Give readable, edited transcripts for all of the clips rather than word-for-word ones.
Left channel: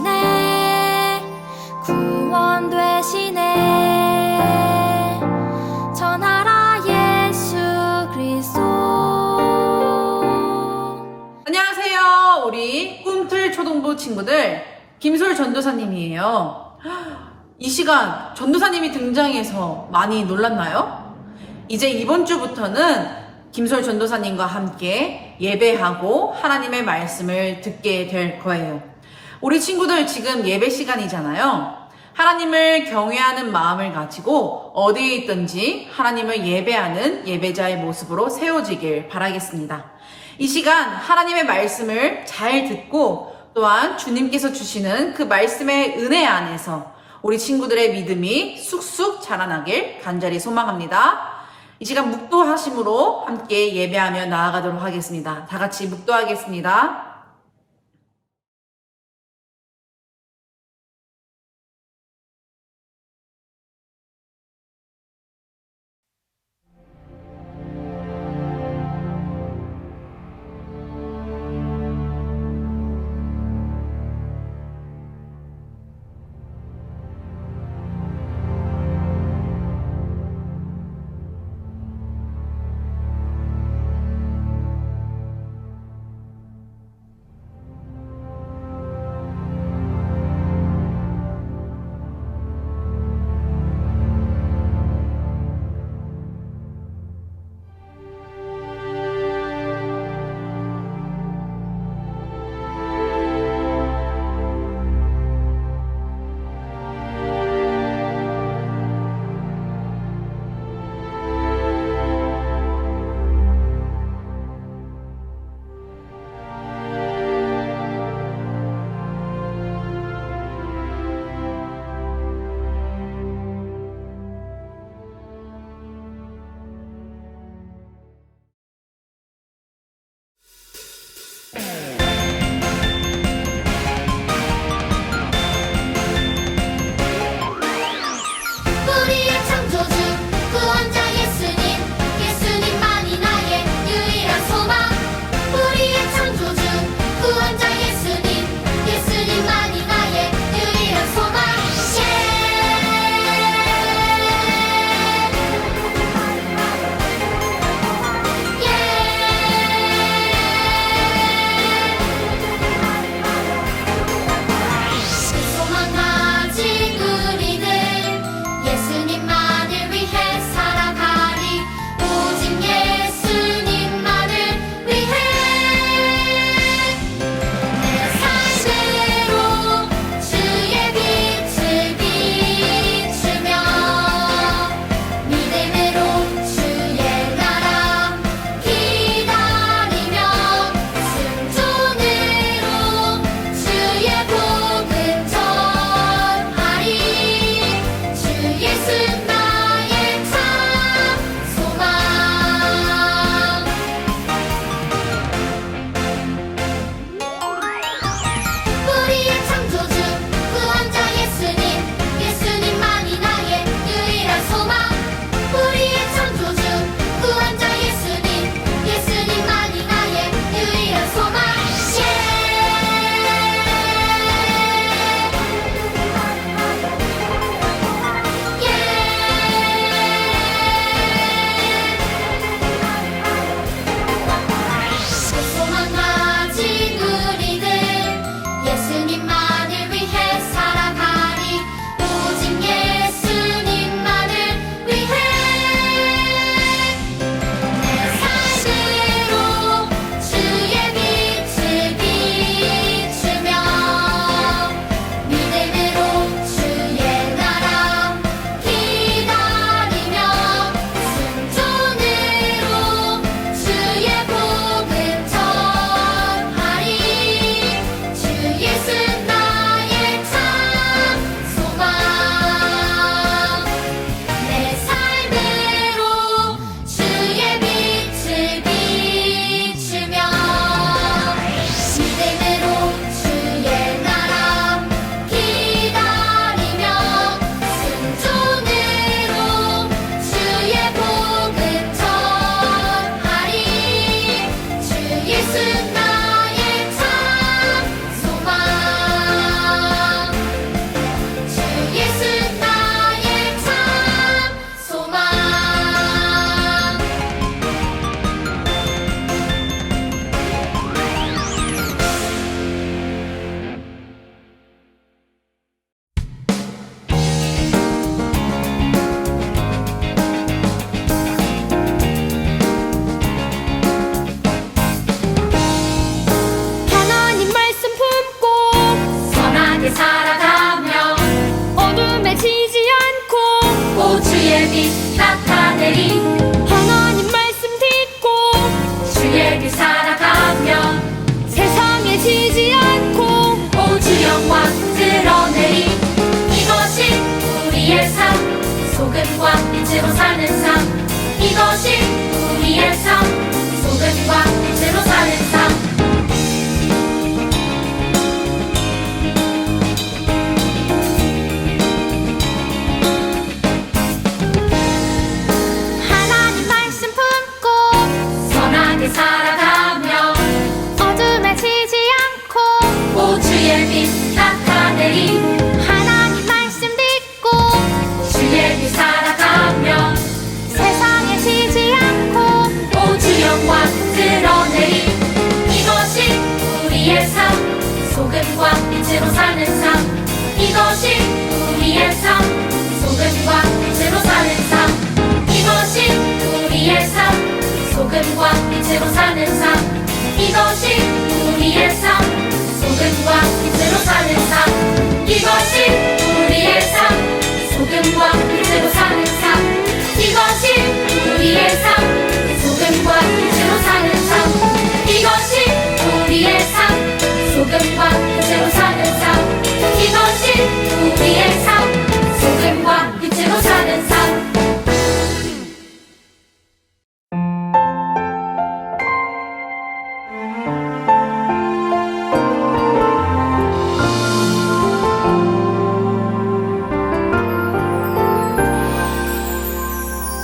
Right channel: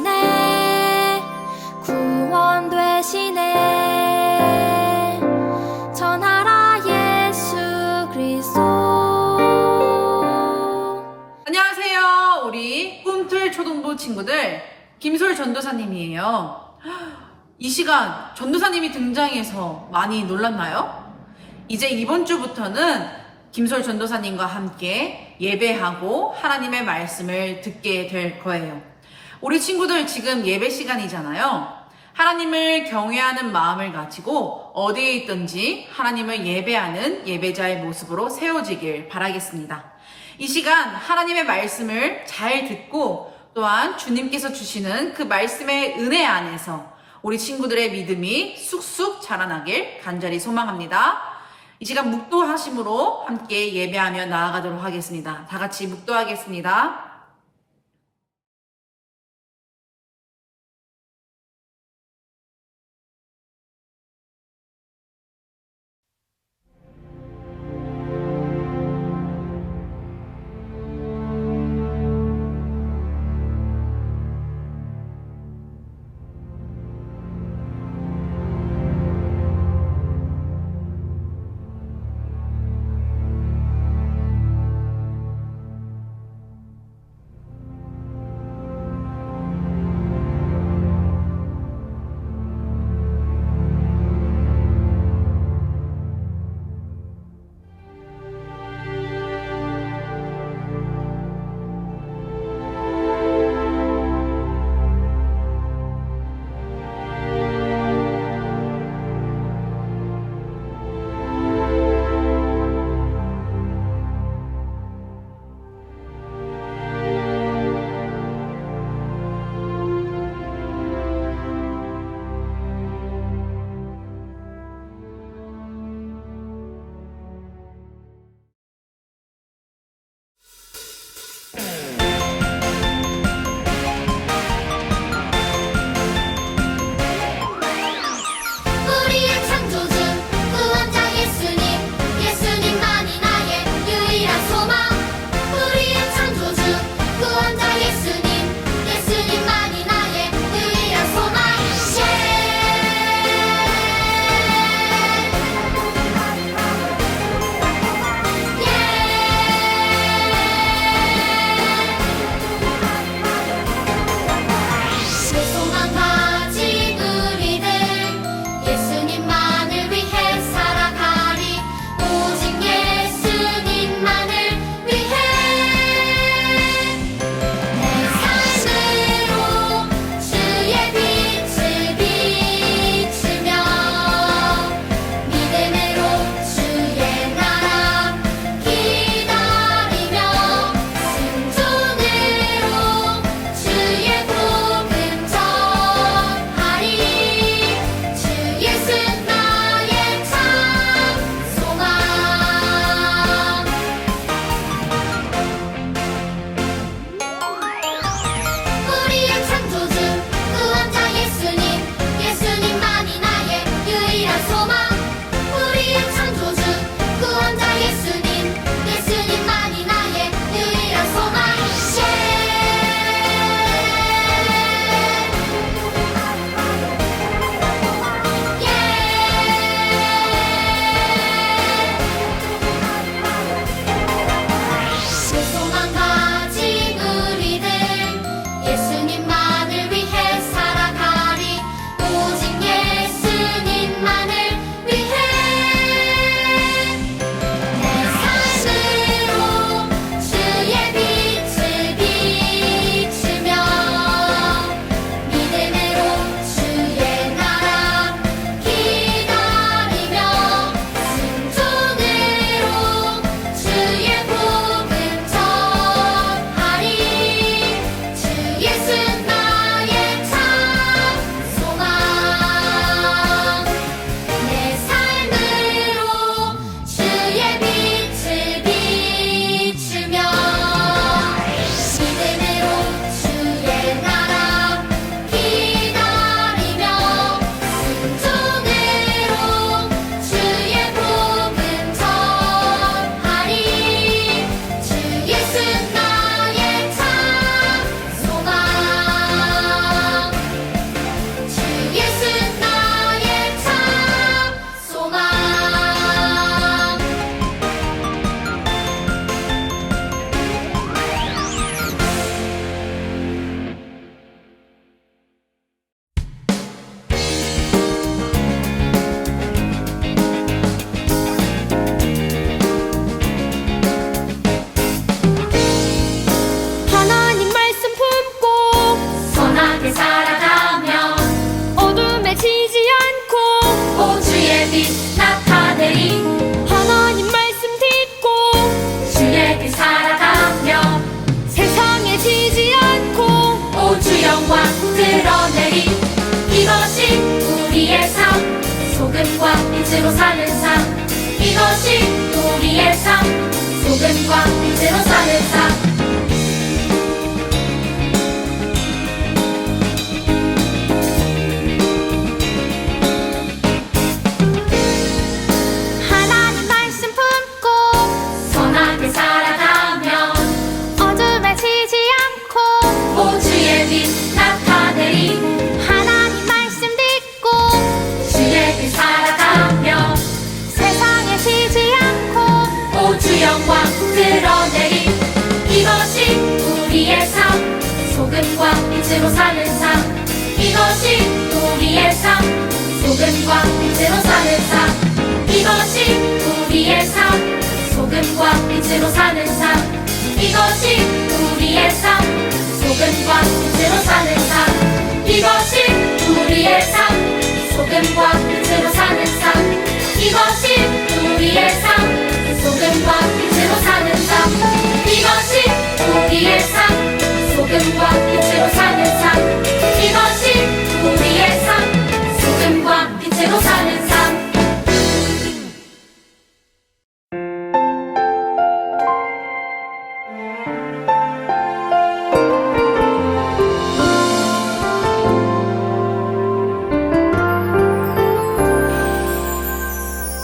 되시네 구원 되시네 전하라 예수 그리스도. 안녕하세요. 우리 꿈틀 초등부 친구들, 김솔 전도사님이에요. 이 시간 전도사님이 등장해서 많이 놀랐나요? 이제 이번 주부터는 김솔 전도사님과 함께 예배하고 하나님의 말씀을 듣게 될 거예요. 우리 친구들 지금 예배 시간이잖아요. 하나님을 경외하는 마음을 가지고 어디에 있든지 하나님을 예배하는 예배자의 모습으로 세워지길 바라겠습니다. 이 시간 하나님의 말씀을 잘 듣고 또한 주님께서 주시는 그 말씀의 은혜 안에서 우리 친구들의 믿음이 쑥쑥 자라나길 간절히 소망합니다. 이 시간 묵도하심으로 함께 예배하며 나아가도록 하겠습니다. 다 같이 묵도하겠습니다. 빛 나타내리. 하나님 말씀 듣고 주의 빛 살아가며 세상에 지지 않고 오주 영광 드러내리. 이것이 우리의 삶, 소금과 빛으로 사는 삶. 이것이 우리의 삶, 소금과 빛으로 사는 삶. 하나님 말씀 품고 선하게 살아가며 어둠에 지지 않고 오주의 빛 나타내리. 하나님 말씀 듣고 주의 빛 살아가며 세상에 지지 않고 오주 영광 드러내리. 이것이 우리의 삶, 소금과 빛으로 사는 삶. 이것이 우리의 삶, 소금과 빛으로 사는 삶. 이것이 우리의 삶, 소금과 빛으로 사는 삶. 이것이 우리의 삶, 소금과 빛으로 사는 삶. 이것이 우리의 삶, 소금과 빛으로 사는 삶. 이것이 우리의 삶, 소금과 빛으로 사는 삶. 이것이 우리의 삶, 소금과 빛으로 사는 삶. 이것이 우리의 삶, 소금과 빛으로 사는 삶.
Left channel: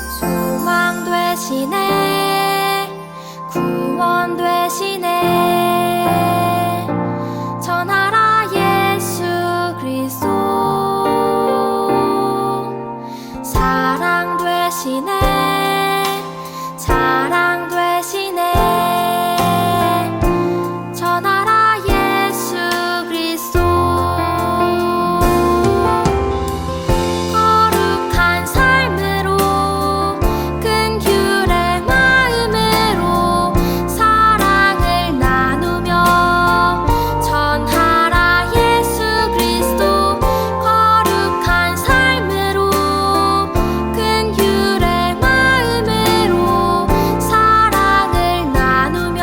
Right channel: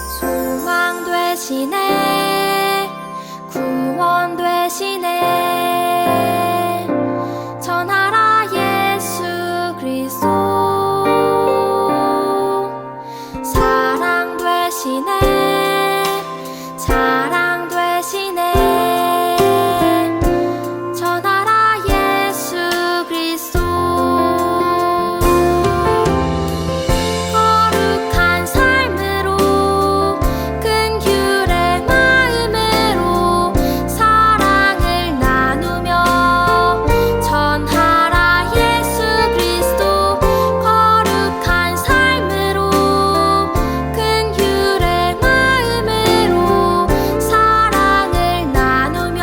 소망 되시네, 구원 되시네, 전하라 예수 그리스도. 사랑 되시네, 자랑 되시네, 전하라 예수 그리스도. 거룩한 삶으로 큰 규례 마음으로 사랑을 나누며 전하라 예수 그리스도. 거룩한 삶으로 큰 규례 마음으로 사랑을 나누며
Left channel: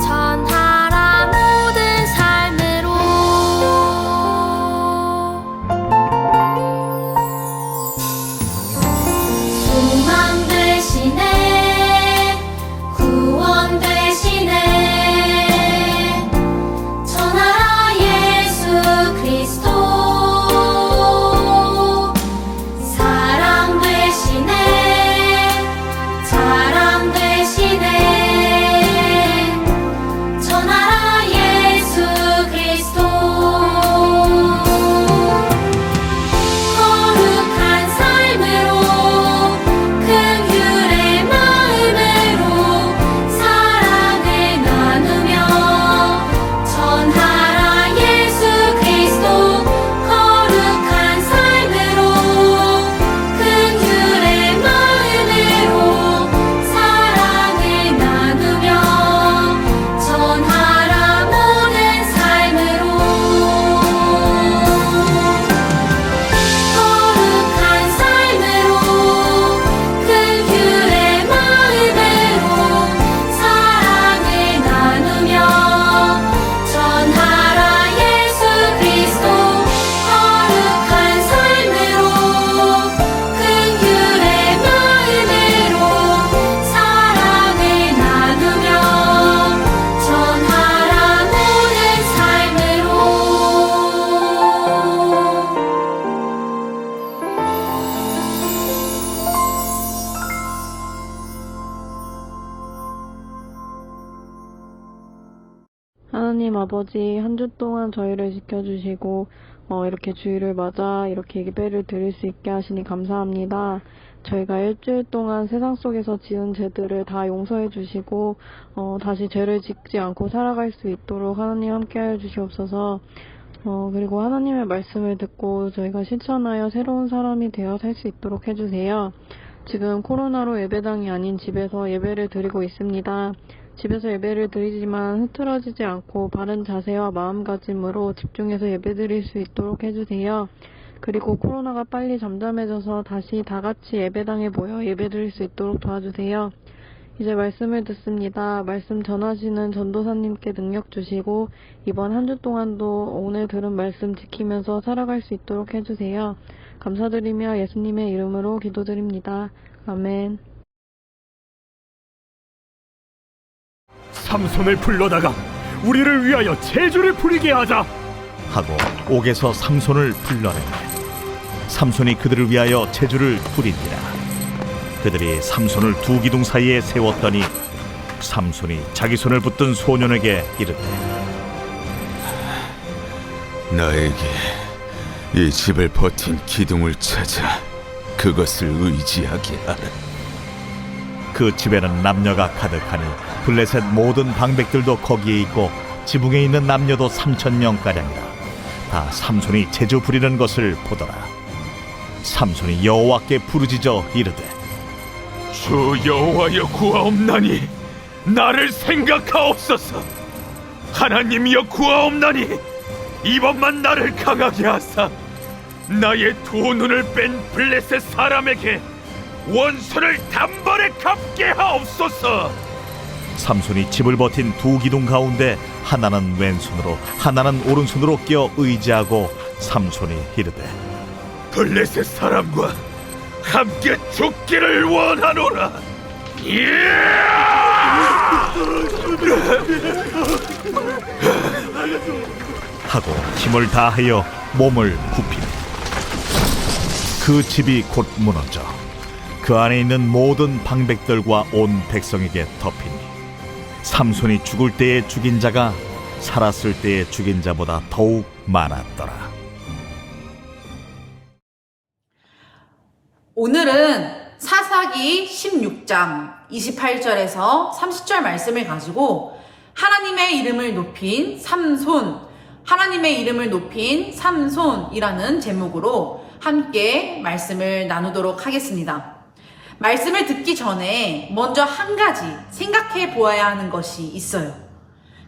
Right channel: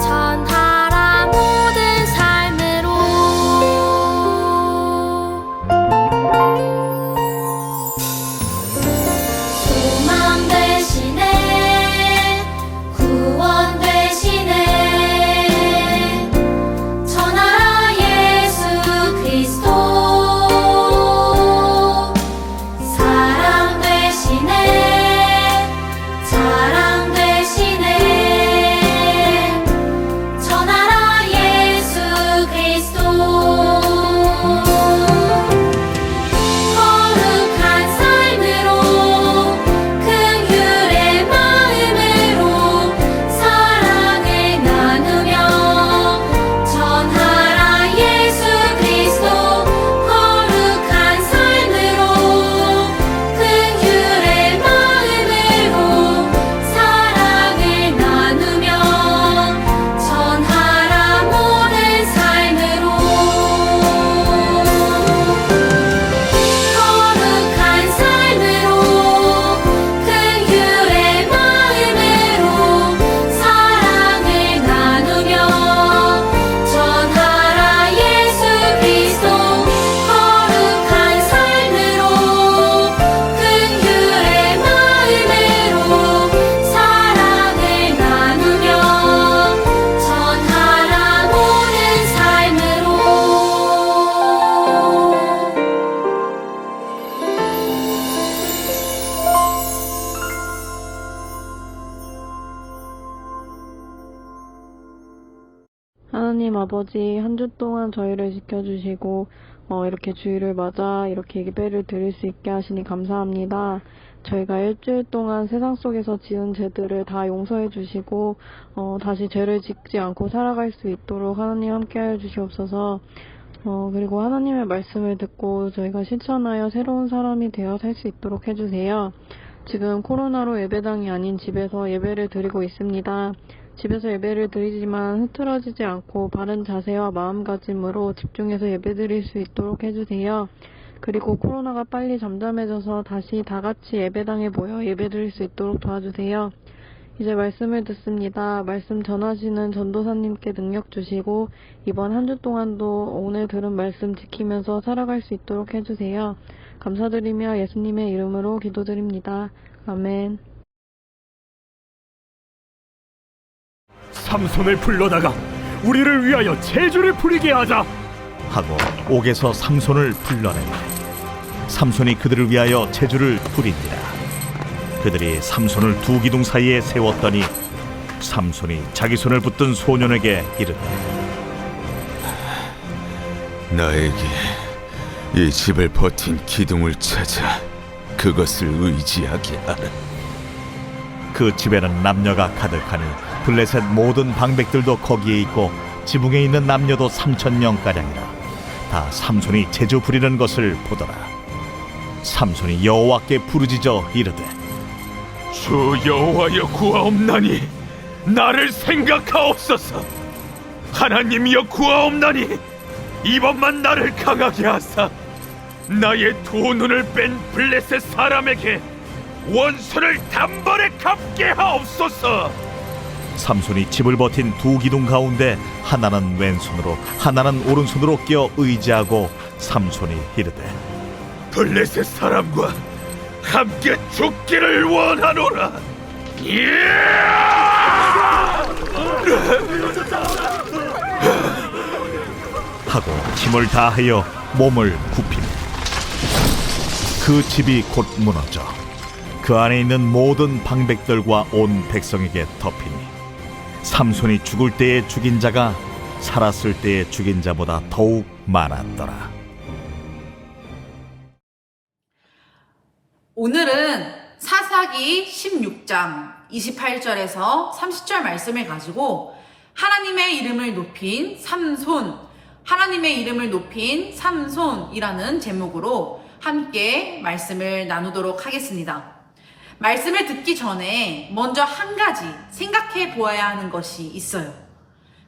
전하라 모든 삶으로. 소망 되시네, 구원 되시네, 전하라 예수 그리스도. 사랑 되시네, 자랑 되시네, 전하라 예수 그리스도. 거룩한 삶으로 큰 규례 마음으로 사랑을 나누며 전하라 예수 그리스도. 거룩한 삶으로 큰 규례 마음으로 사랑을 나누며 전하라 모든 삶으로. 거룩한 삶으로 큰 규례 마음으로 사랑을 나누며 전하라 예수 그리스도. 거룩한 삶으로 큰 규례 마음으로 사랑을 나누며 전하라 모든 삶으로. 하나님 아버지, 한 주 동안 저희를 지켜주시고 이렇게 주일을 맞아 이렇게 예배를 드릴 수 있게 하시니 감사합니다. 저희가 일주일 동안 세상 속에서 지은 죄들을 다 용서해 주시고 다시 죄를 짓지 않고 살아갈 수 있도록 하나님 함께하여 주시옵소서. 그리고 하나님의 말씀을 듣고 저희가 실천하여 새로운 사람이 되어 살 수 있도록 해주세요. 지금 코로나로 예배당이 아닌 집에서 예배를 드리고 있습니다. 집에서 예배를 드리지만 흐트러지지 않고 바른 자세와 마음가짐으로 집중해서 예배 드릴 수 있도록 해주세요. 그리고 코로나가 빨리 잠잠해져서 다시 다 같이 예배당에 모여 예배드릴 수 있도록 도와주세요. 이제 말씀을 듣습니다. 말씀 전하시는 전도사님께 능력 주시고 이번 한 주 동안도 오늘 들은 말씀 지키면서 살아갈 수 있도록 해주세요. 감사드리며 예수님의 이름으로 기도드립니다. 아멘. 삼손을 불러다가 우리를 위하여 제주를 부리게 하자 하고 옥에서 삼손을 불러내매 삼손이 그들을 위하여 제주를 부리니라. 그들이 삼손을 두 기둥 사이에 세웠더니 삼손이 자기 손을 붙든 소년에게 이르되 나에게 이 집을 버틴 기둥을 찾아 그것을 의지하게 하라. 그 집에는 남녀가 가득하니 블레셋 모든 방백들도 거기에 있고 지붕에 있는 남녀도 3,000명가량이라. 다 삼손이 제주 부리는 것을 보더라. 삼손이 여호와께 부르짖어 이르되 주 여호와여 구하옵나니 나를 생각하옵소서. 하나님이여 구하옵나니 이번만 나를 강하게 하사 나의 두 눈을 뺀 블레셋 사람에게 원수를 단번에 갚게 하옵소서. 삼손이 집을 버틴 두 기둥 가운데 하나는 왼손으로 하나는 오른손으로 끼어 의지하고 삼손이 이르되 블레셋 사람과 함께 죽기를 원하노라. 하고 힘을 다하여 몸을 굽히며 그 집이 곧 무너져 그 안에 있는 모든 방백들과 온 백성에게 덮이니 삼손이 죽을 때에 죽인 자가 살았을 때에 죽인 자보다 더욱 많았더라. 오늘은 사사기 16장 28절에서 30절 말씀을 가지고 하나님의 이름을 높인 삼손, 하나님의 이름을 높인 삼손이라는 제목으로 함께 말씀을 나누도록 하겠습니다. 말씀을 듣기 전에 먼저 한 가지 생각해 보아야 하는 것이 있어요.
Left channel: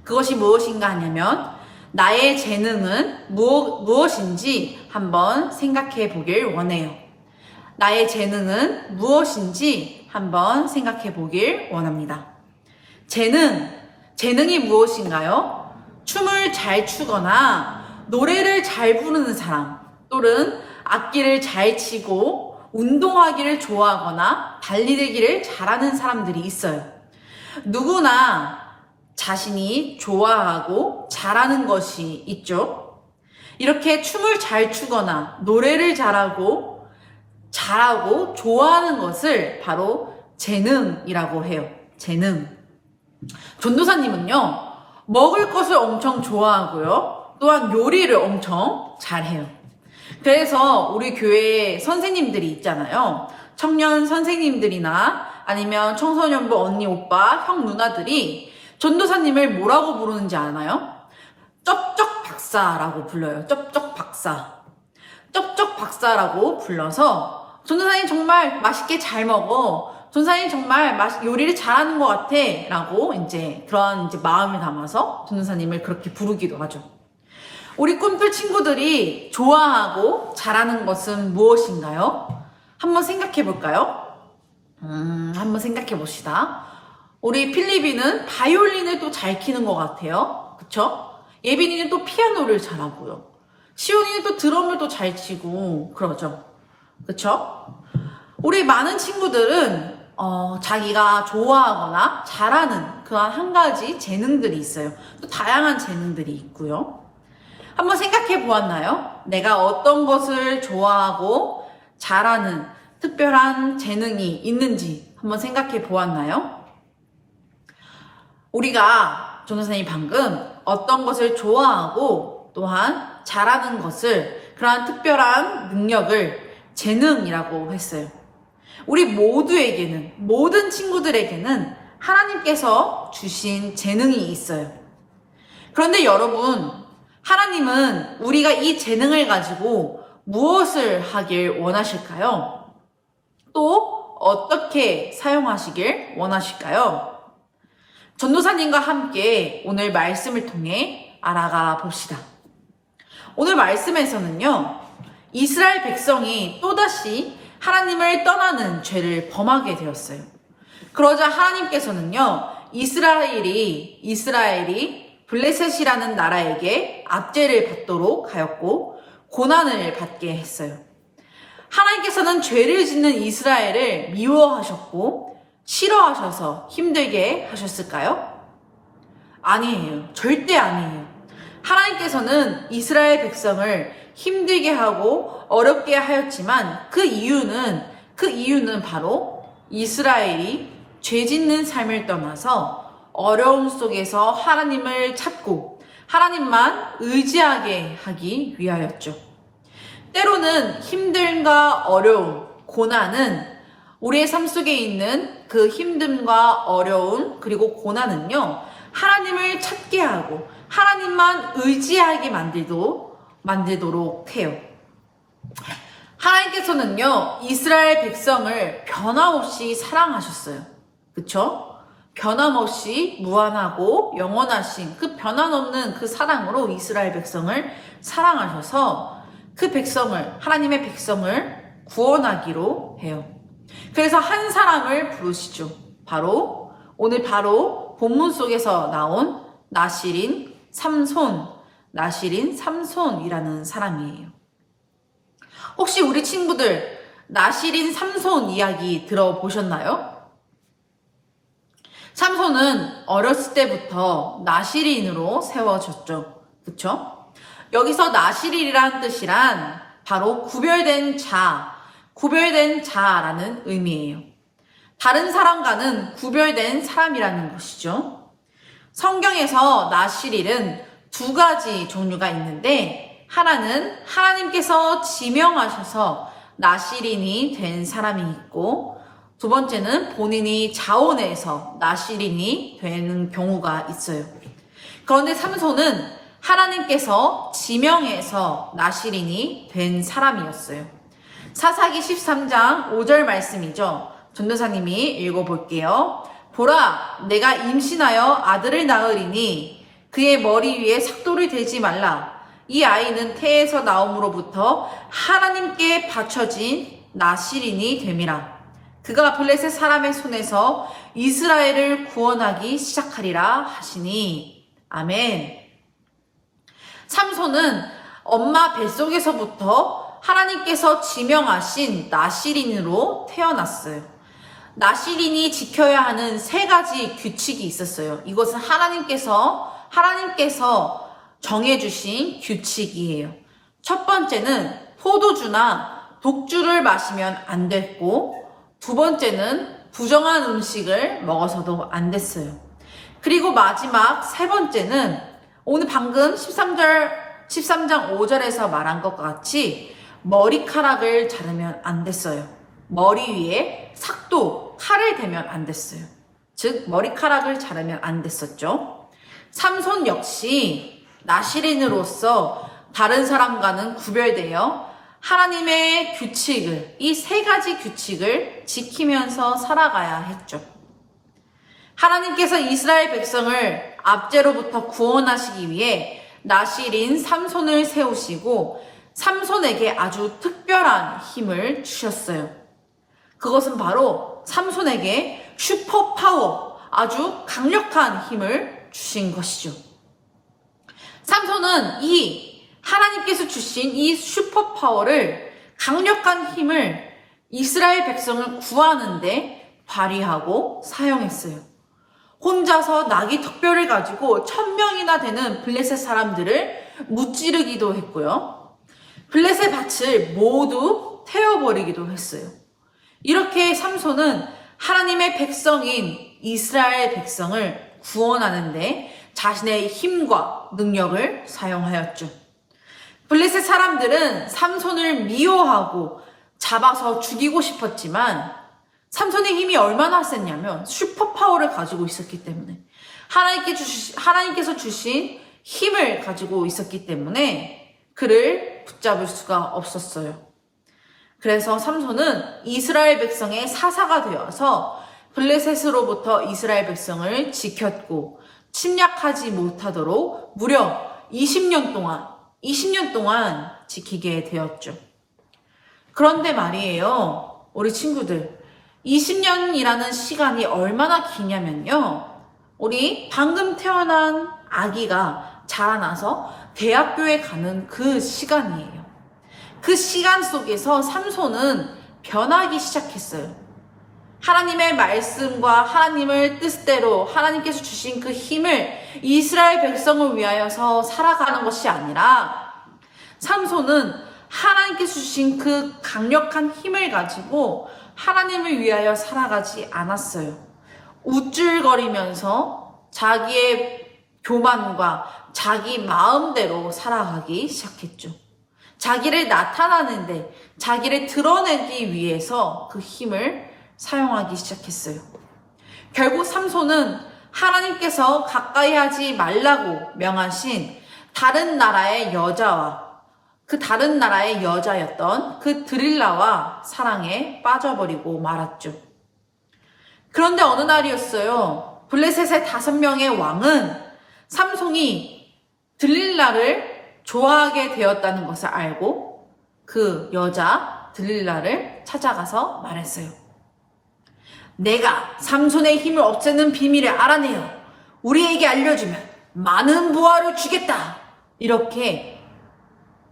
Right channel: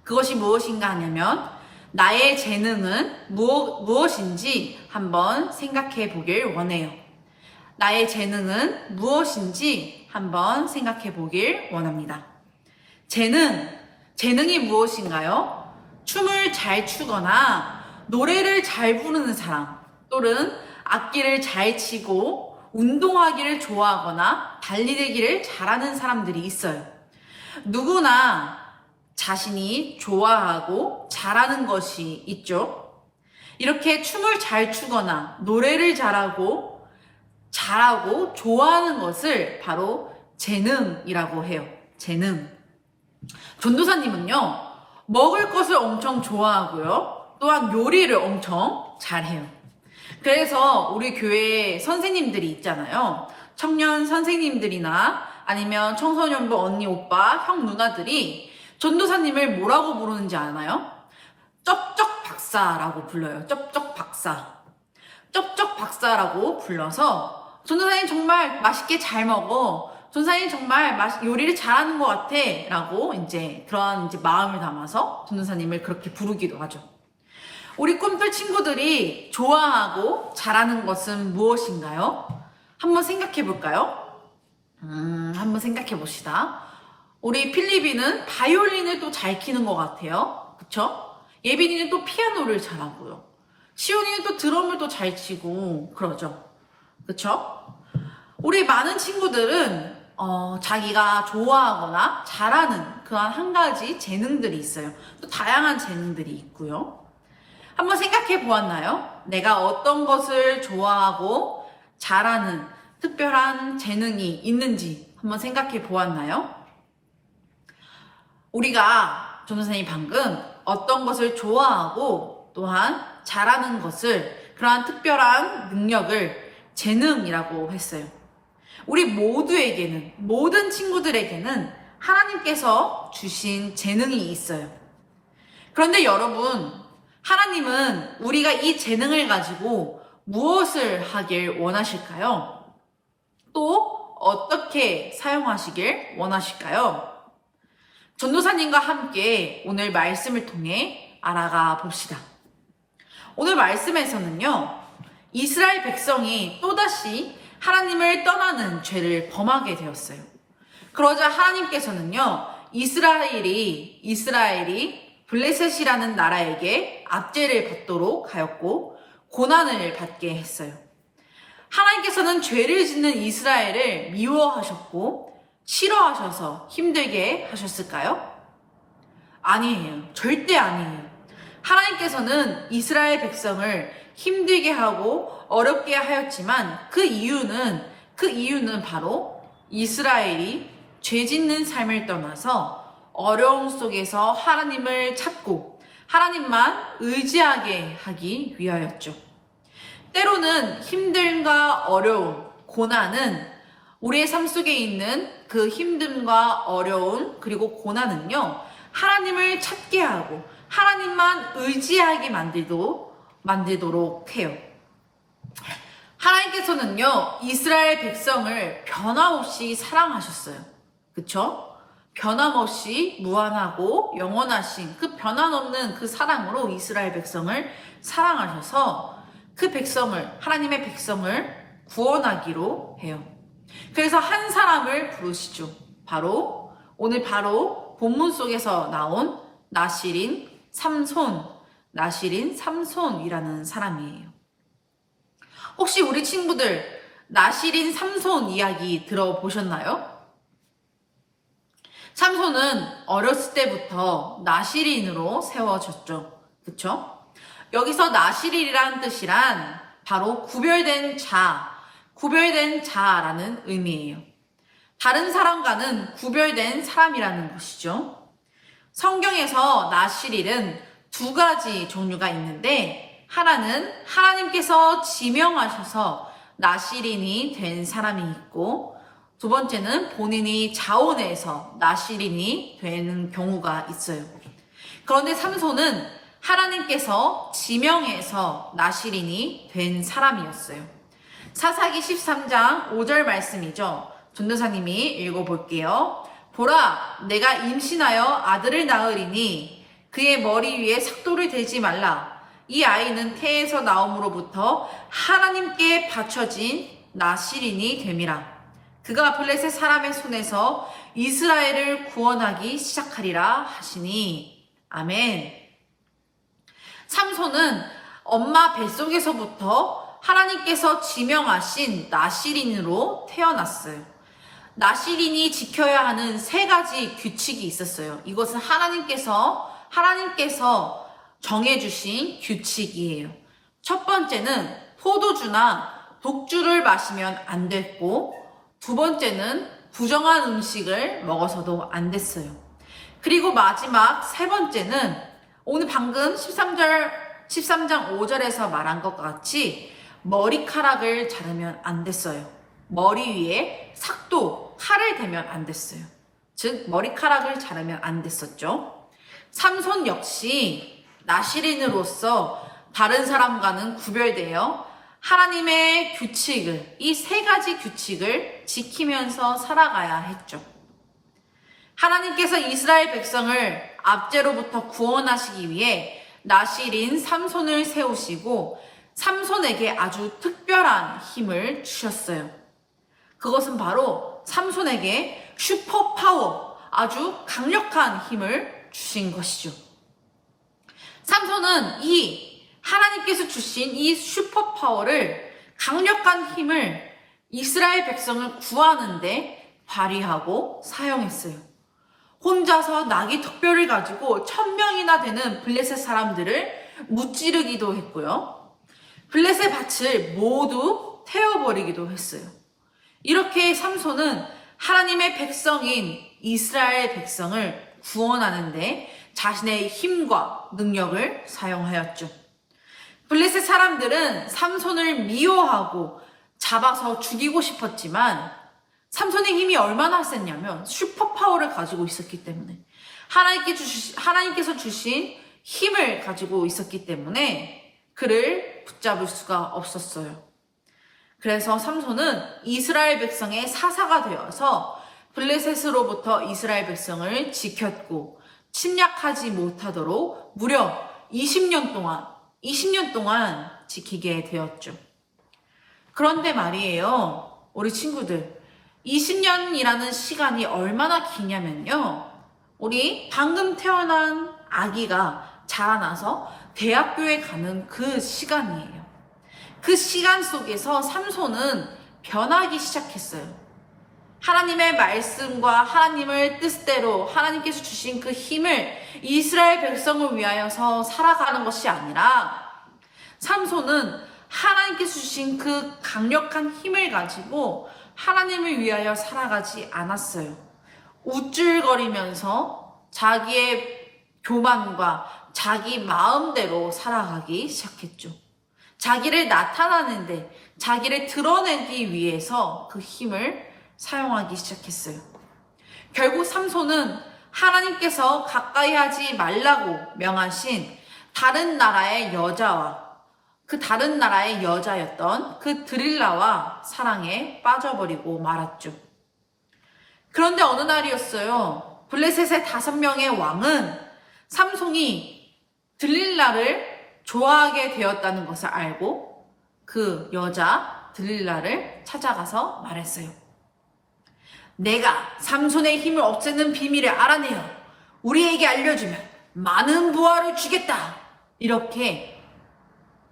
그것이 무엇인가 하냐면 나의 재능은 무엇인지 한번 생각해 보길 원해요. 나의 재능은 무엇인지 한번 생각해 보길 원합니다. 재능이 무엇인가요? 춤을 잘 추거나 노래를 잘 부르는 사람, 또는 악기를 잘 치고 운동하기를 좋아하거나 달리기를 잘하는 사람들이 있어요. 누구나 자신이 좋아하고 잘하는 것이 있죠. 이렇게 춤을 잘 추거나 노래를 잘하고 좋아하는 것을 바로 재능이라고 해요. 재능. 전도사님은요, 먹을 것을 엄청 좋아하고요, 또한 요리를 엄청 잘해요. 그래서 우리 교회 선생님들이 있잖아요. 청년 선생님들이나 아니면 청소년부 언니, 오빠, 형, 누나들이 전도사님을 뭐라고 부르는지 아나요? 쩝쩝 박사라고 불러요. 쩝쩝 박사. 쩝쩝 박사라고 불러서 전도사님 정말 맛있게 잘 먹어. 전도사님 정말 요리를 잘하는 것 같아. 라고 그런 마음을 담아서 전도사님을 그렇게 부르기도 하죠. 우리 꿈틀 친구들이 좋아하고 잘하는 것은 무엇인가요? 한번 생각해 볼까요? 한번 생각해 봅시다. 우리 필리비는 바이올린을 또 잘 키는 것 같아요. 그쵸? 예빈이는 또 피아노를 잘하고요. 시온이는 또 드럼을 또 잘 치고 그러죠. 그쵸? 우리 많은 친구들은 자기가 좋아하거나 잘하는 그런 한 가지 재능들이 있어요. 또 다양한 재능들이 있고요. 한번 생각해 보았나요? 내가 어떤 것을 좋아하고 잘하는 특별한 재능이 있는지 한번 생각해 보았나요? 우리가 전도사님이 방금 어떤 것을 좋아하고 또한 잘하는 것을, 그러한 특별한 능력을 재능이라고 했어요. 우리 모두에게는, 모든 친구들에게는 하나님께서 주신 재능이 있어요. 그런데 여러분, 하나님은 우리가 이 재능을 가지고 무엇을 하길 원하실까요? 또 어떻게 사용하시길 원하실까요? 전도사님과 함께 오늘 말씀을 통해 알아가 봅시다. 오늘 말씀에서는요, 이스라엘 백성이 또다시 하나님을 떠나는 죄를 범하게 되었어요. 그러자 하나님께서는요, 이스라엘이 블레셋이라는 나라에게 압제를 받도록 하였고 고난을 받게 했어요. 하나님께서는 죄를 짓는 이스라엘을 미워하셨고 싫어하셔서 힘들게 하셨을까요? 아니에요. 절대 아니에요. 하나님께서는 이스라엘 백성을 힘들게 하고 어렵게 하였지만 그 이유는 바로 이스라엘이 죄 짓는 삶을 떠나서 어려움 속에서 하나님을 찾고 하나님만 의지하게 하기 위하였죠. 때로는 힘듦과 어려움, 고난은 우리의 삶 속에 있는 그 힘듦과 어려움 그리고 고난은요, 하나님을 찾게 하고 하나님만 의지하게 만들도록 해요. 하나님께서는요, 이스라엘 백성을 변함없이 사랑하셨어요. 그쵸? 변함없이 무한하고 영원하신 그 변함없는 그 사랑으로 이스라엘 백성을 사랑하셔서 그 백성을, 하나님의 백성을 구원하기로 해요. 그래서 한 사람을 부르시죠. 오늘 바로 본문 속에서 나온 나실인 삼손이라는 사람이에요. 혹시 우리 친구들 나실인 삼손 이야기 들어보셨나요? 삼손은 어렸을 때부터 나실인으로 세워졌죠. 그쵸? 여기서 나실이라는 뜻이란 바로 구별된 자라는 의미예요. 다른 사람과는 구별된 사람이라는 것이죠. 성경에서 나실일은 두 가지 종류가 있는데, 하나는 하나님께서 지명하셔서 나실인이 된 사람이 있고, 두 번째는 본인이 자원해서 나실인이 되는 경우가 있어요. 그런데 삼손은 하나님께서 지명해서 나실인이 된 사람이었어요. 사사기 13장 5절 말씀이죠. 전도사님이 읽어볼게요. 보라, 내가 임신하여 아들을 낳으리니 그의 머리 위에 삭도를 대지 말라. 이 아이는 태에서 나옴으로부터 하나님께 바쳐진 나실인이 됨이라. 그가 블레셋 사람의 손에서 이스라엘을 구원하기 시작하리라 하시니. 아멘. 삼손은 엄마 뱃속에서부터 하나님께서 지명하신 나실인으로 태어났어요. 나실인이 지켜야 하는 세 가지 규칙이 있었어요. 이것은 하나님께서 정해주신 규칙이에요. 첫 번째는 포도주나 독주를 마시면 안 됐고, 두 번째는 부정한 음식을 먹어서도 안 됐어요. 그리고 마지막 세 번째는 오늘 방금 13장 5절에서 말한 것과 같이 머리카락을 자르면 안 됐어요. 머리 위에 삭도, 칼을 대면 안 됐어요. 즉 머리카락을 자르면 안 됐었죠. 삼손 역시 나실인으로서 다른 사람과는 구별되어 하나님의 규칙을, 이 세 가지 규칙을 지키면서 살아가야 했죠. 하나님께서 이스라엘 백성을 압제로부터 구원하시기 위해 나실인 삼손을 세우시고 삼손에게 아주 특별한 힘을 주셨어요. 그것은 바로 삼손에게 슈퍼파워, 아주 강력한 힘을 주신 것이죠. 삼손은 하나님께서 주신 이 슈퍼파워를, 강력한 힘을 이스라엘 백성을 구하는데 발휘하고 사용했어요. 혼자서 나귀 특별을 가지고 1000명이나 되는 블레셋 사람들을 무찌르기도 했고요. 블레셋 밭을 모두 태워버리기도 했어요. 이렇게 삼손은 하나님의 백성인 이스라엘 백성을 구원하는데 자신의 힘과 능력을 사용하였죠. 블레셋 사람들은 삼손을 미워하고 잡아서 죽이고 싶었지만 삼손의 힘이 얼마나 셌냐면 슈퍼파워를 가지고 있었기 때문에, 하나님께서 주신 힘을 가지고 있었기 때문에 그를 붙잡을 수가 없었어요. 그래서 삼손은 이스라엘 백성의 사사가 되어서 블레셋으로부터 이스라엘 백성을 지켰고 침략하지 못하도록 무려 20년 동안 지키게 되었죠. 그런데 말이에요, 우리 친구들, 20년이라는 시간이 얼마나 기냐면요, 우리 방금 태어난 아기가 자라나서 대학교에 가는 그 시간이에요. 그 시간 속에서 삼손은 변하기 시작했어요. 하나님의 말씀과 하나님의 뜻대로 하나님께서 주신 그 힘을 이스라엘 백성을 위하여서 살아가는 것이 아니라, 삼손은 하나님께서 주신 그 강력한 힘을 가지고 하나님을 위하여 살아가지 않았어요. 우쭐거리면서 자기의 교만과 자기 마음대로 살아가기 시작했죠. 자기를 나타나는데, 자기를 드러내기 위해서 그 힘을 사용하기 시작했어요. 결국 삼손은 하나님께서 가까이 하지 말라고 명하신 다른 나라의 여자와, 그 다른 나라의 여자였던 그 드릴라와 사랑에 빠져버리고 말았죠. 그런데 어느 날이었어요. 블레셋의 5명의 왕은 삼손이 드릴라를 좋아하게 되었다는 것을 알고 그 여자 드릴라를 찾아가서 말했어요. 내가 삼손의 힘을 없애는 비밀을 알아내어 우리에게 알려주면 많은 부하를 주겠다. 이렇게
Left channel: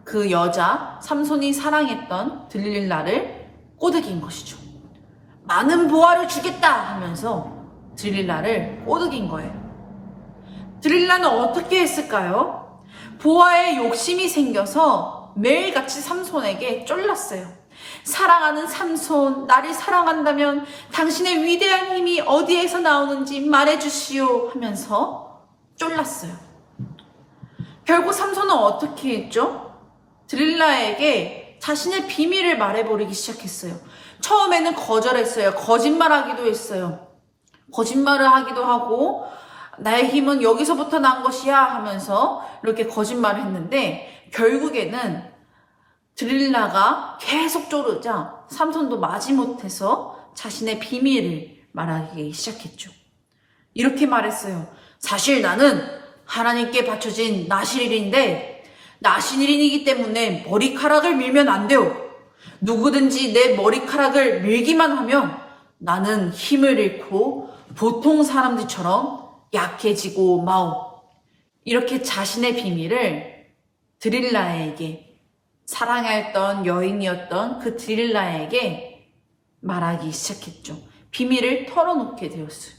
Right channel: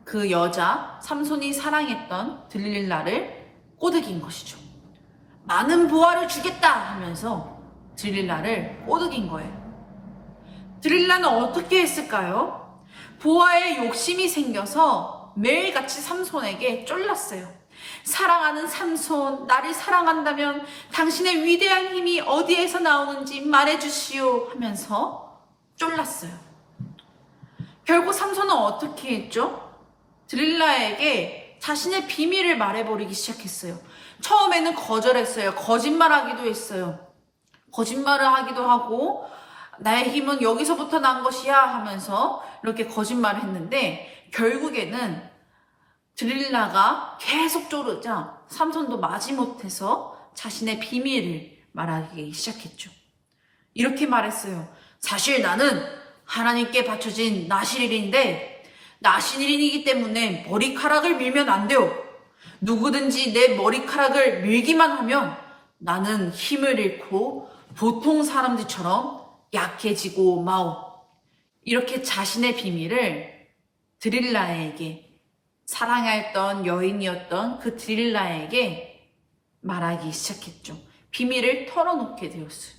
그 여자, 삼손이 사랑했던 드릴라를 꼬드긴 것이죠. 많은 부하를 주겠다 하면서 드릴라를 꼬드긴 거예요. 드릴라는 어떻게 했을까요? 부하에 욕심이 생겨서 매일같이 삼손에게 쫄랐어요. 사랑하는 삼손, 나를 사랑한다면 당신의 위대한 힘이 어디에서 나오는지 말해주시오 하면서 쫄랐어요. 결국 삼손은 어떻게 했죠? 드릴라에게 자신의 비밀을 말해버리기 시작했어요. 처음에는 거절했어요. 거짓말하기도 했어요. 거짓말을 하기도 하고, 나의 힘은 여기서부터 난 것이야 하면서 이렇게 거짓말을 했는데, 결국에는 드릴라가 계속 쪼르자 삼손도 마지못해서 자신의 비밀을 말하기 시작했죠. 이렇게 말했어요. 사실 나는 하나님께 바쳐진 나실인인데 나실인이기 때문에 머리카락을 밀면 안 돼요. 누구든지 내 머리카락을 밀기만 하면 나는 힘을 잃고 보통 사람들처럼 약해지고 마오. 이렇게 자신의 비밀을 드릴라에게, 사랑했던 여인이었던 그 드릴라에게 말하기 시작했죠. 비밀을 털어놓게 되었어요.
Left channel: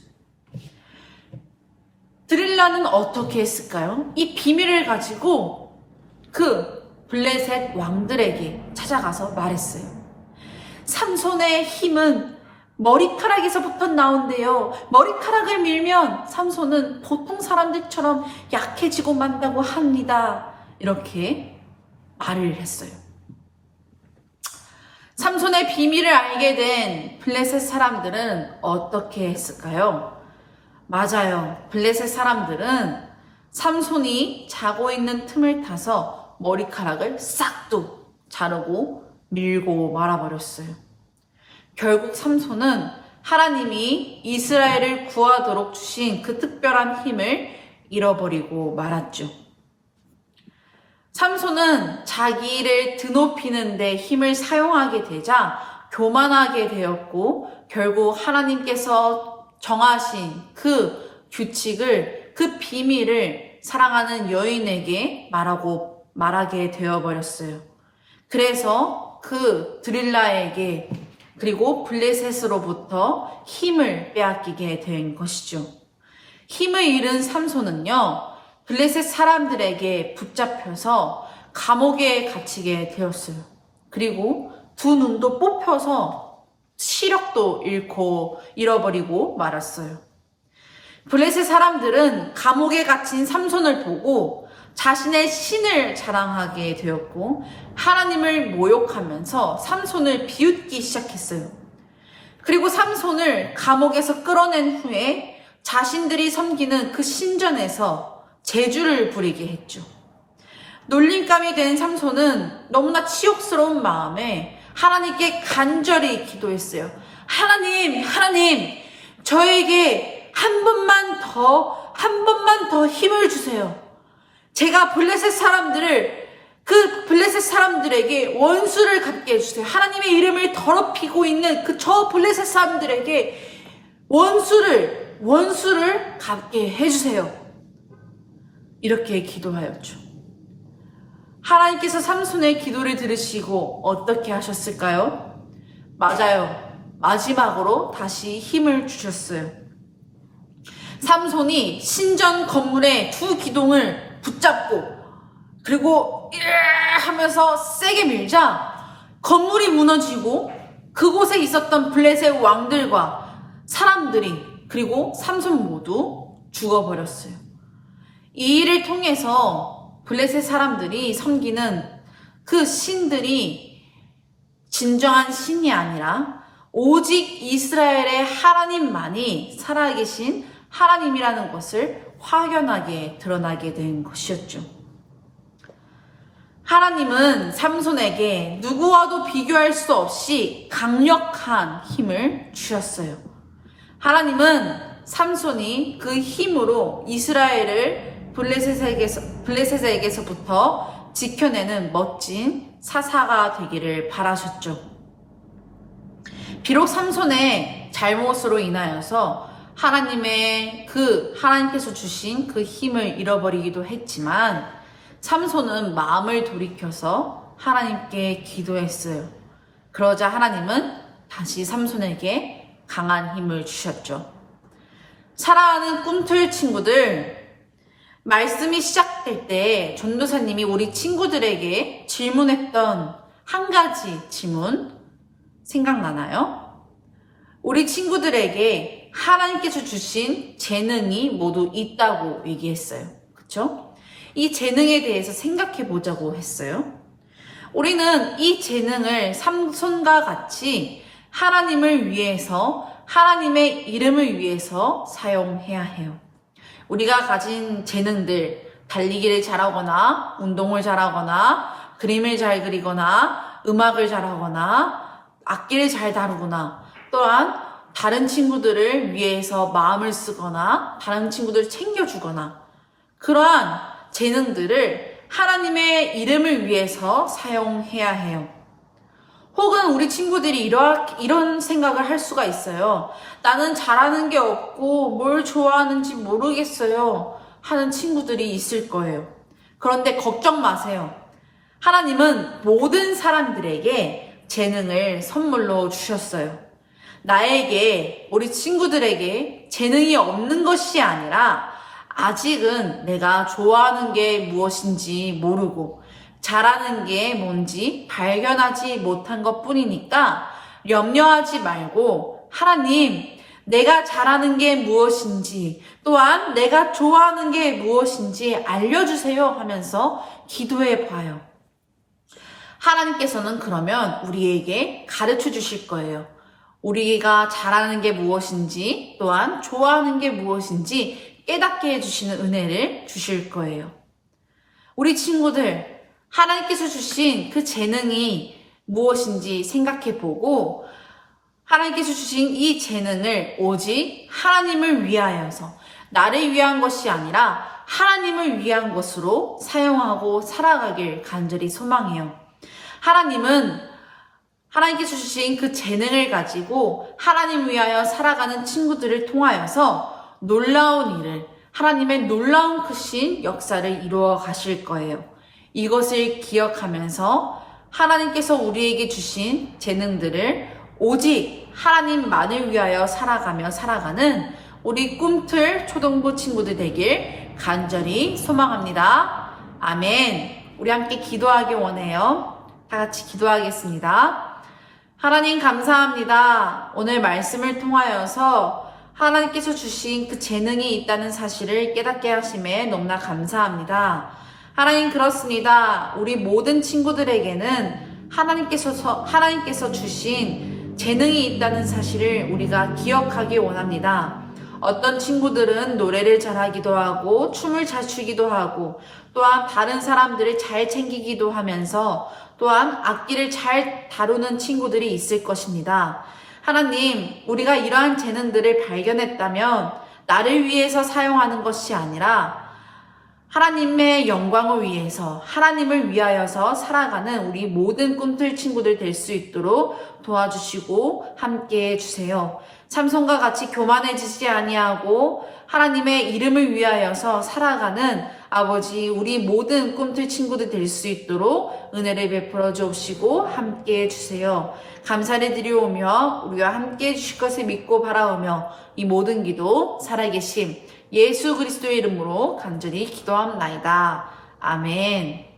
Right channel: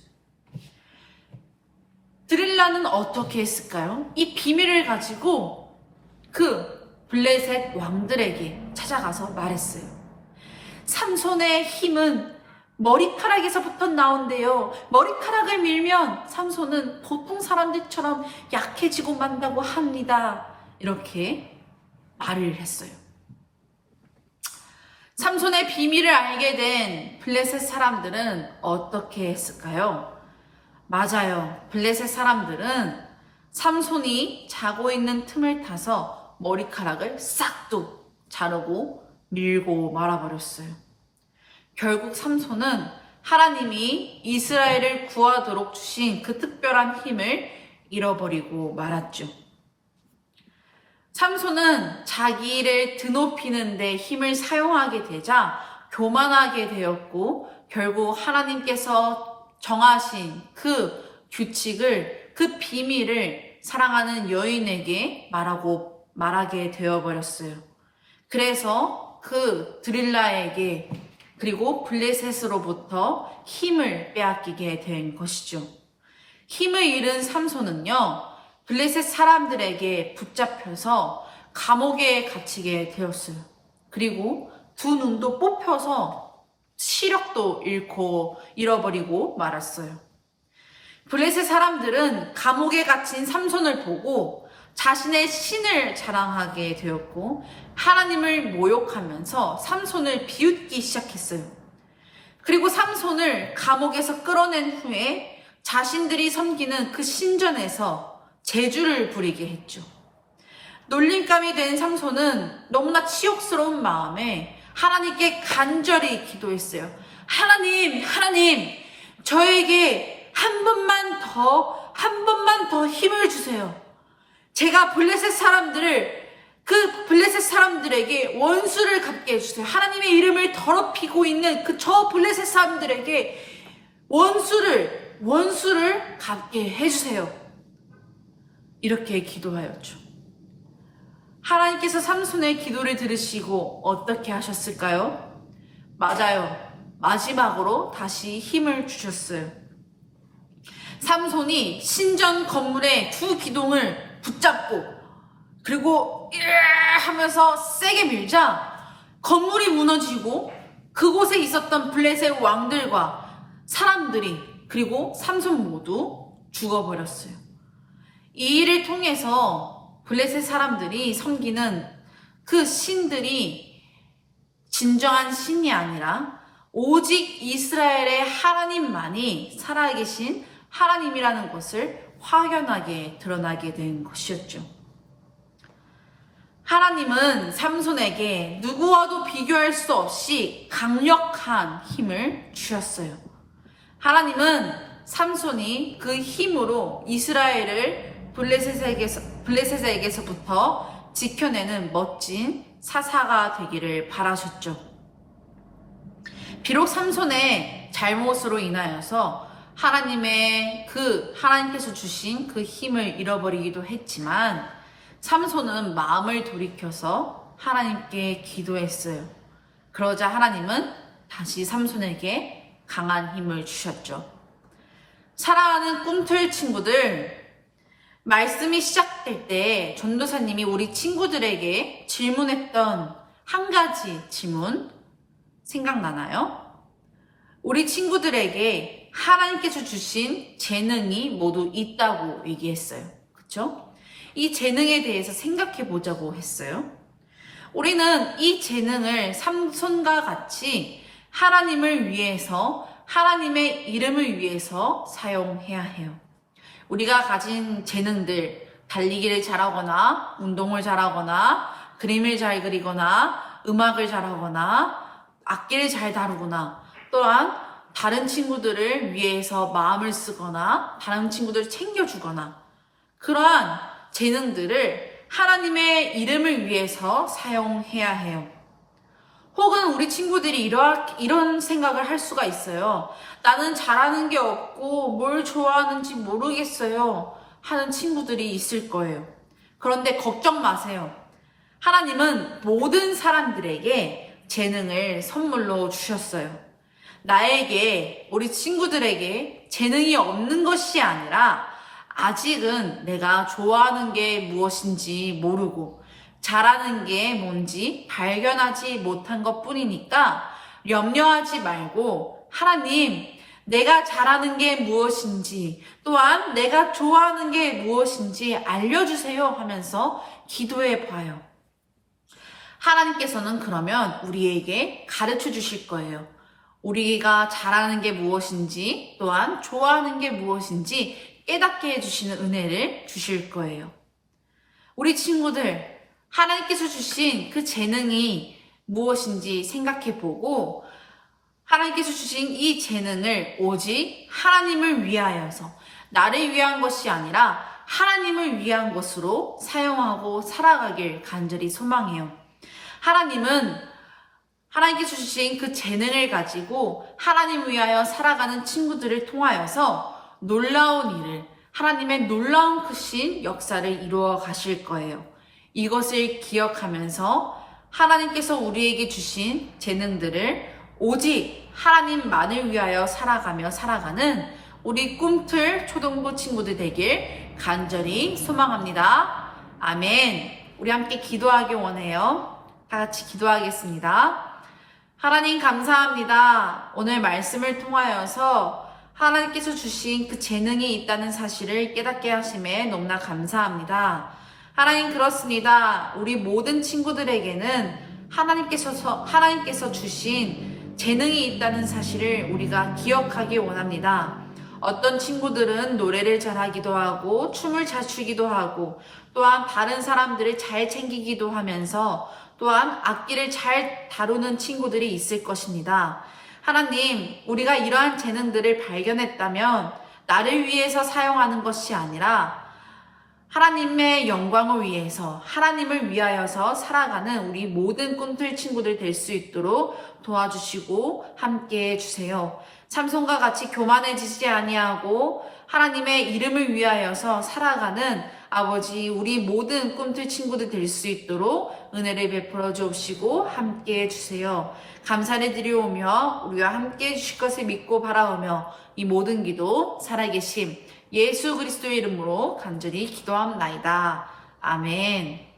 드릴라는 어떻게 했을까요? 이 비밀을 가지고 그 블레셋 왕들에게 찾아가서 말했어요. 삼손의 힘은 머리카락에서부터 나온대요. 머리카락을 밀면 삼손은 보통 사람들처럼 약해지고 만다고 합니다. 이렇게 말을 했어요. 삼손의 비밀을 알게 된 블레셋 사람들은 어떻게 했을까요? 맞아요. 블레셋 사람들은 삼손이 자고 있는 틈을 타서 머리카락을 싹둑 자르고 밀고 말아버렸어요. 결국 삼손은 하나님이 이스라엘을 구하도록 주신 그 특별한 힘을 잃어버리고 말았죠. 삼손은 자기를 드높이는 데 힘을 사용하게 되자 교만하게 되었고, 결국 하나님께서 정하신 그 규칙을, 그 비밀을 사랑하는 여인에게 말하게 되어버렸어요. 그래서 그 드릴라에게, 그리고 블레셋으로부터 힘을 빼앗기게 된 것이죠. 힘을 잃은 삼손은요, 블레셋 사람들에게 붙잡혀서 감옥에 갇히게 되었어요. 그리고 두 눈도 뽑혀서 시력도 잃어버리고 말았어요. 블레셋 사람들은 감옥에 갇힌 삼손을 보고 자신의 신을 자랑하게 되었고, 하나님을 모욕하면서 삼손을 비웃기 시작했어요. 그리고 삼손을 감옥에서 끌어낸 후에 자신들이 섬기는 그 신전에서 제주를 부리게 했죠. 놀림감이 된 삼손은 너무나 치욕스러운 마음에 하나님께 간절히 기도했어요. 하나님, 저에게 한 번만 더 힘을 주세요. 제가 블레셋 사람들을 사람들에게 원수를 갚게 해주세요. 하나님의 이름을 더럽히고 있는 저 블레셋 사람들에게 원수를 갚게 해주세요. 이렇게 기도하였죠. 하나님께서 삼손의 기도를 들으시고 어떻게 하셨을까요? 맞아요. 마지막으로 다시 힘을 주셨어요. 삼손이 신전 건물의 두 기둥을 붙잡고 그리고 하면서 세게 밀자 건물이 무너지고 그곳에 있었던 블레셋 왕들과 사람들이 그리고 삼손 모두 죽어버렸어요. 이 일을 통해서 블레셋 사람들이 섬기는 그 신들이 진정한 신이 아니라 오직 이스라엘의 하나님만이 살아계신 하나님이라는 것을 확연하게 드러나게 된 것이었죠. 하나님은 삼손에게 누구와도 비교할 수 없이 강력한 힘을 주셨어요. 하나님은 삼손이 그 힘으로 이스라엘을 블레셋에게서부터 지켜내는 멋진 사사가 되기를 바라셨죠. 비록 삼손의 잘못으로 인하여서 하나님께서 주신 그 힘을 잃어버리기도 했지만 삼손은 마음을 돌이켜서 하나님께 기도했어요. 그러자 하나님은 다시 삼손에게 강한 힘을 주셨죠. 사랑하는 꿈틀 친구들, 말씀이 시작될 때 전도사님이 우리 친구들에게 질문했던 한 가지 질문 생각나나요? 우리 친구들에게 하나님께서 주신 재능이 모두 있다고 얘기했어요. 그쵸? 이 재능에 대해서 생각해 보자고 했어요. 우리는 이 재능을 삼손과 같이 하나님을 위해서, 하나님의 이름을 위해서 사용해야 해요. 우리가 가진 재능들, 달리기를 잘하거나, 운동을 잘하거나, 그림을 잘 그리거나, 음악을 잘하거나, 악기를 잘 다루거나, 또한 다른 친구들을 위해서 마음을 쓰거나, 다른 친구들을 챙겨주거나, 그러한 재능들을 하나님의 이름을 위해서 사용해야 해요. 혹은 우리 친구들이 이런 생각을 할 수가 있어요. 나는 잘하는 게 없고 뭘 좋아하는지 모르겠어요 하는 친구들이 있을 거예요. 그런데 걱정 마세요. 하나님은 모든 사람들에게 재능을 선물로 주셨어요. 나에게, 우리 친구들에게 재능이 없는 것이 아니라 아직은 내가 좋아하는 게 무엇인지 모르고 잘하는 게 뭔지 발견하지 못한 것 뿐이니까 염려하지 말고 하나님, 내가 잘하는 게 무엇인지 또한 내가 좋아하는 게 무엇인지 알려주세요 하면서 기도해 봐요. 하나님께서는 그러면 우리에게 가르쳐 주실 거예요. 우리가 잘하는 게 무엇인지 또한 좋아하는 게 무엇인지 깨닫게 해주시는 은혜를 주실 거예요. 우리 친구들, 하나님께서 주신 그 재능이 무엇인지 생각해 보고 하나님께서 주신 이 재능을 오직 하나님을 위하여서 나를 위한 것이 아니라 하나님을 위한 것으로 사용하고 살아가길 간절히 소망해요. 하나님께서 주신 그 재능을 가지고 하나님 위하여 살아가는 친구들을 통하여서 놀라운 일을, 하나님의 놀라운 크신 역사를 이루어 가실 거예요. 이것을 기억하면서 하나님께서 우리에게 주신 재능들을 오직 하나님만을 위하여 살아가는 우리 꿈틀 초등부 친구들 되길 간절히 소망합니다. 아멘. 우리 함께 기도하기 원해요. 다 같이 기도하겠습니다. 하나님 감사합니다. 오늘 말씀을 통하여서 하나님께서 주신 그 재능이 있다는 사실을 깨닫게 하심에 너무나 감사합니다. 하나님 그렇습니다. 우리 모든 친구들에게는 하나님께서 주신 재능이 있다는 사실을 우리가 기억하기 원합니다. 어떤 친구들은 노래를 잘하기도 하고 춤을 잘 추기도 하고 또한 다른 사람들을 잘 챙기기도 하면서 또한 악기를 잘 다루는 친구들이 있을 것입니다. 하나님, 우리가 이러한 재능들을 발견했다면 나를 위해서 사용하는 것이 아니라 하나님의 영광을 위해서, 하나님을 위하여서 살아가는 우리 모든 꿈틀 친구들 될 수 있도록 도와주시고 함께해 주세요. 삼손과 같이 교만해지지 아니하고 하나님의 이름을 위하여서 살아가는 아버지, 우리 모든 꿈틀 친구들 될 수 있도록 은혜를 베풀어 주옵시고 함께해 주세요. 감사를 드리오며 우리와 함께해 주실 것을 믿고 바라오며 이 모든 기도 살아계심 예수 그리스도의 이름으로 간절히 기도합나이다. 아멘.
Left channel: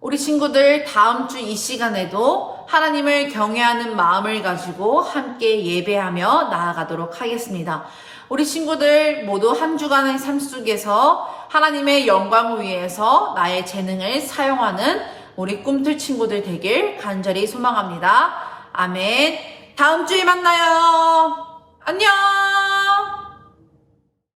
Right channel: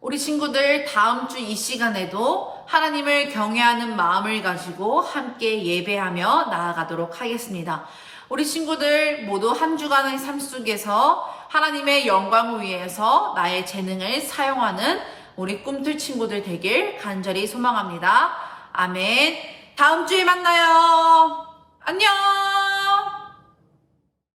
우리 친구들 다음 주 이 시간에도 하나님을 경외하는 마음을 가지고 함께 예배하며 나아가도록 하겠습니다. 우리 친구들 모두 한 주간의 삶 속에서 하나님의 영광을 위해서 나의 재능을 사용하는 우리 꿈틀 친구들 되길 간절히 소망합니다. 아멘. 다음 주에 만나요. 안녕.